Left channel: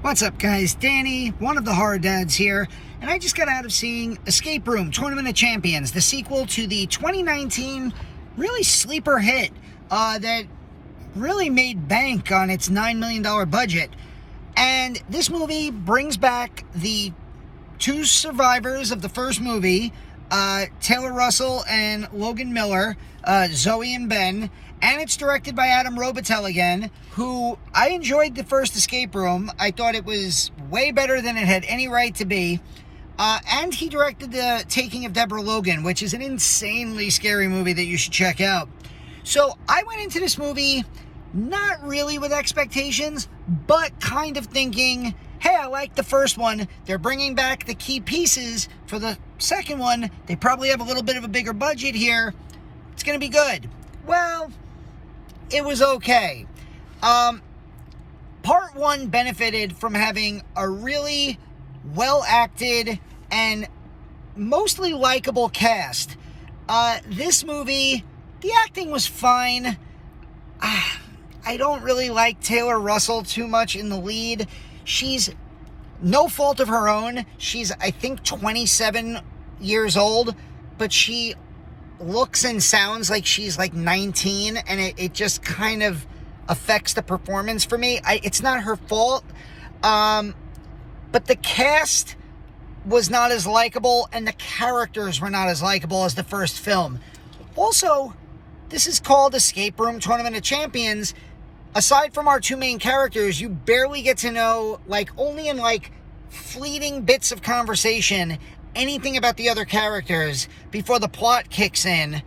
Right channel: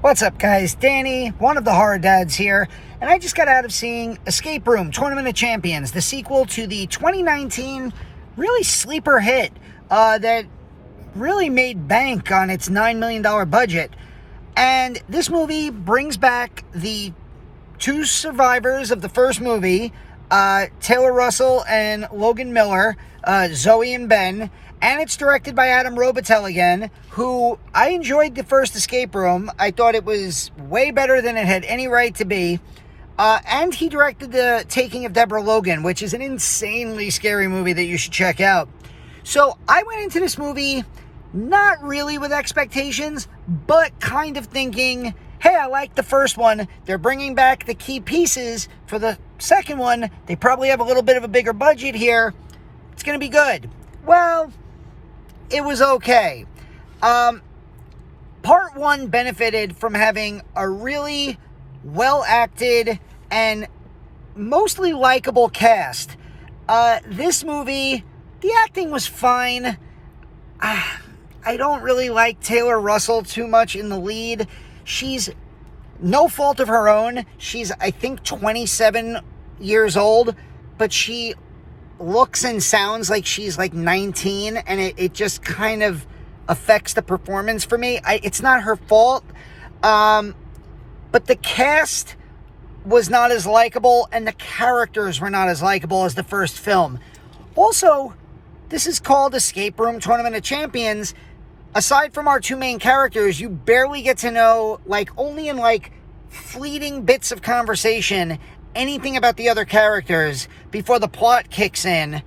What's up, guys? Danny, one of the horror dads here, and I just got out of seeing Escape Room Tournament of Champions, the sequel to the 2019 really sleeper hit that really made bank on its $9 million budget. And this movie brings back the two survivors of the first movie, Taylor Russell and Logan Miller, Zoe and Ben, and it's directed by Adam Robitel again, who I enjoyed the first Escape Room. I thought it was way better than it had any right to be. And he directed The Taking of Deborah Logan, which is an insanely scary movie that you should check out. So I went into this movie not really with expectations, but kind of thinking, hey, I like the first one. They're bringing back the key pieces for the second one. They probably have a little bit of a bigger budget here. It's going to be good. Well, it was okay. Part one benefited from having a really well-acted and mostly likable cast. This movie, the acting was fine. I don't really like Taylor Russell too much in the lead. She's no fault of her own. She's, I think, 27 years old, but she looks and sounds like she's like 19, and it just kind of affects the performance for me. It's not her fault, but the cast was not as likable, and the characters were not as likable as the first film. Also, this is called Escape Room Tournament of Champions. Aside from our two main characters, you barely get to know, only in fleeting bits of conversation, anything about the other characters before the plot kicks in.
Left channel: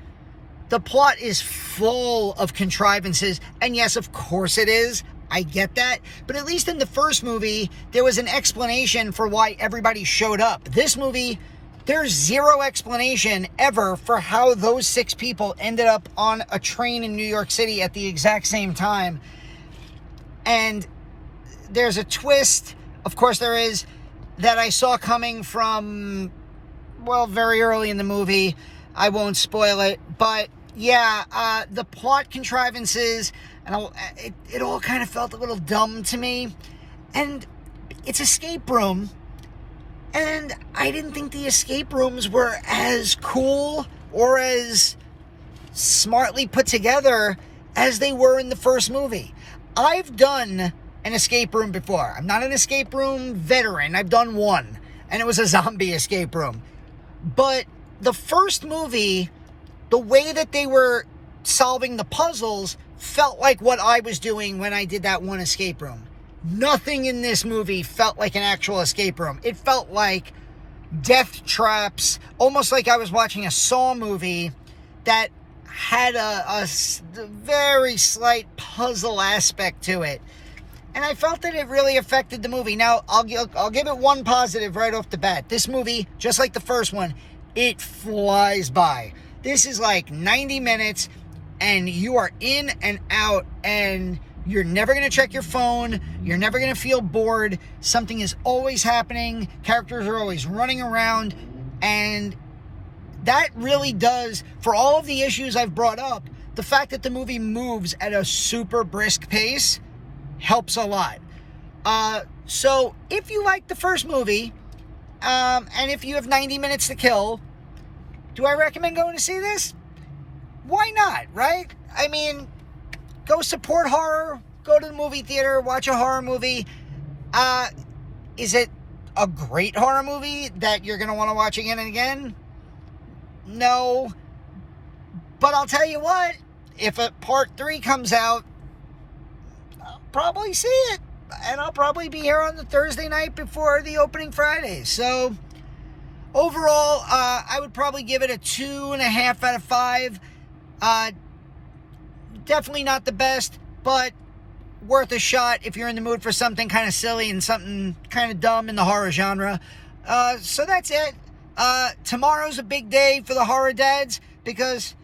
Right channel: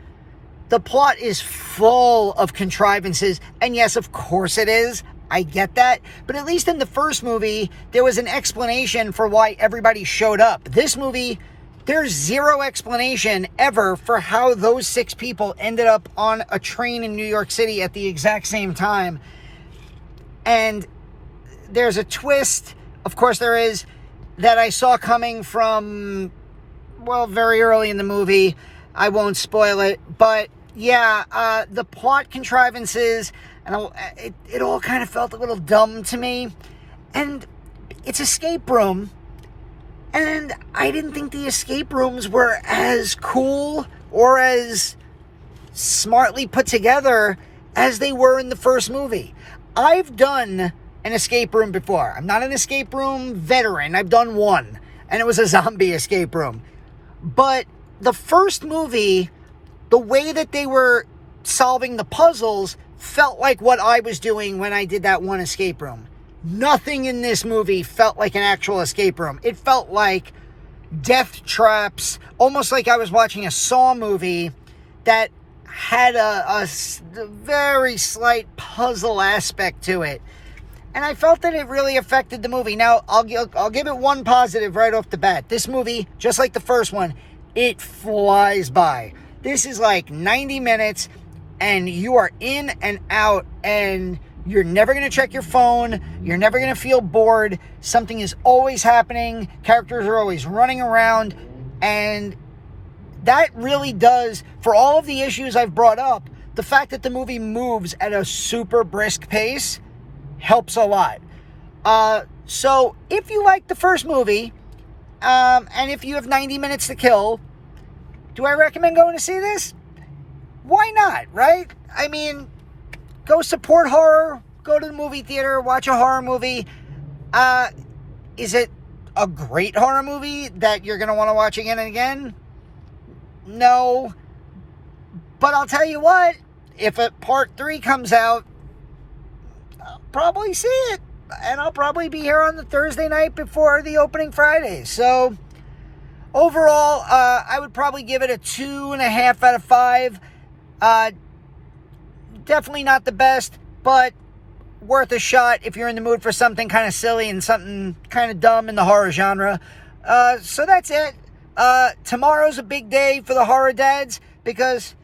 The plot is full of contrivances, and yes, of course it is. I get that. But at least in the first movie, there was an explanation for why everybody showed up. This movie, there's zero explanation ever for how those 6 people ended up on a train in New York City at the exact same time. And there's a twist, of course there is, that I saw coming from, well, very early in the movie. I won't spoil it, but yeah, the plot contrivances, and it all kind of felt a little dumb to me. And it's Escape Room, and I didn't think the escape rooms were as cool or as smartly put together as they were in the first movie. I've done an escape room before. I'm not an escape room veteran. I've done one, and it was a zombie escape room. But the first movie, the way that they were solving the puzzles felt like what I was doing when I did that one escape room. Nothing in this movie felt like an actual escape room. It felt like death traps, almost like I was watching a Saw movie that had a very slight puzzle aspect to it. And I felt that it really affected the movie. Now, I'll give it one positive right off the bat. This movie, just like the first one, it flies by. This is like 90 minutes, and you are in and out, and you're never going to check your phone. You're never going to feel bored. Something is always happening. Characters are always running around, and that really does, for all of the issues I've brought up, the fact that the movie moves at a super brisk pace helps a lot. So if you like the first movie, and if you have 90 minutes to kill, do I recommend going to see this? Why not, right? I mean, go support horror, go to the movie theater, watch a horror movie. Is it a great horror movie that you're going to want to watch again and again? No. But I'll tell you what, if a part 3 comes out, I'll probably see it. And I'll probably be here on the Thursday night before the opening Friday. So, overall, I would probably give it a 2.5 out of 5. Definitely not the best, but worth a shot if you're in the mood for something kind of silly and something kind of dumb in the horror genre. So that's it. Tomorrow's a big day for the horror dads because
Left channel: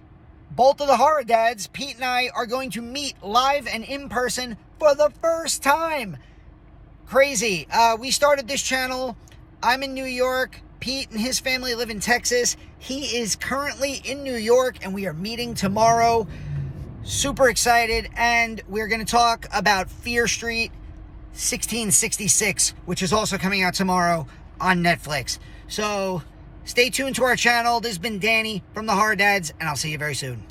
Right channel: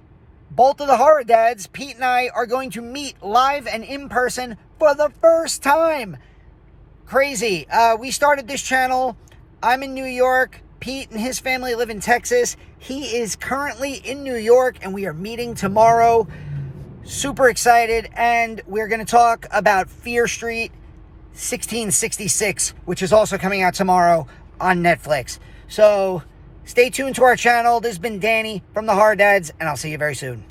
both of the horror dads, Pete and I, are going to meet live and in person for the first time. Crazy. We started this channel. I'm in New York. Pete and his family live in Texas. He is currently in New York, and we are meeting tomorrow. Super excited, and we're going to talk about Fear Street. 1666, which is also coming out tomorrow on Netflix. So stay tuned to our channel. This has been Danny from the Horror Dads, and I'll see you very soon.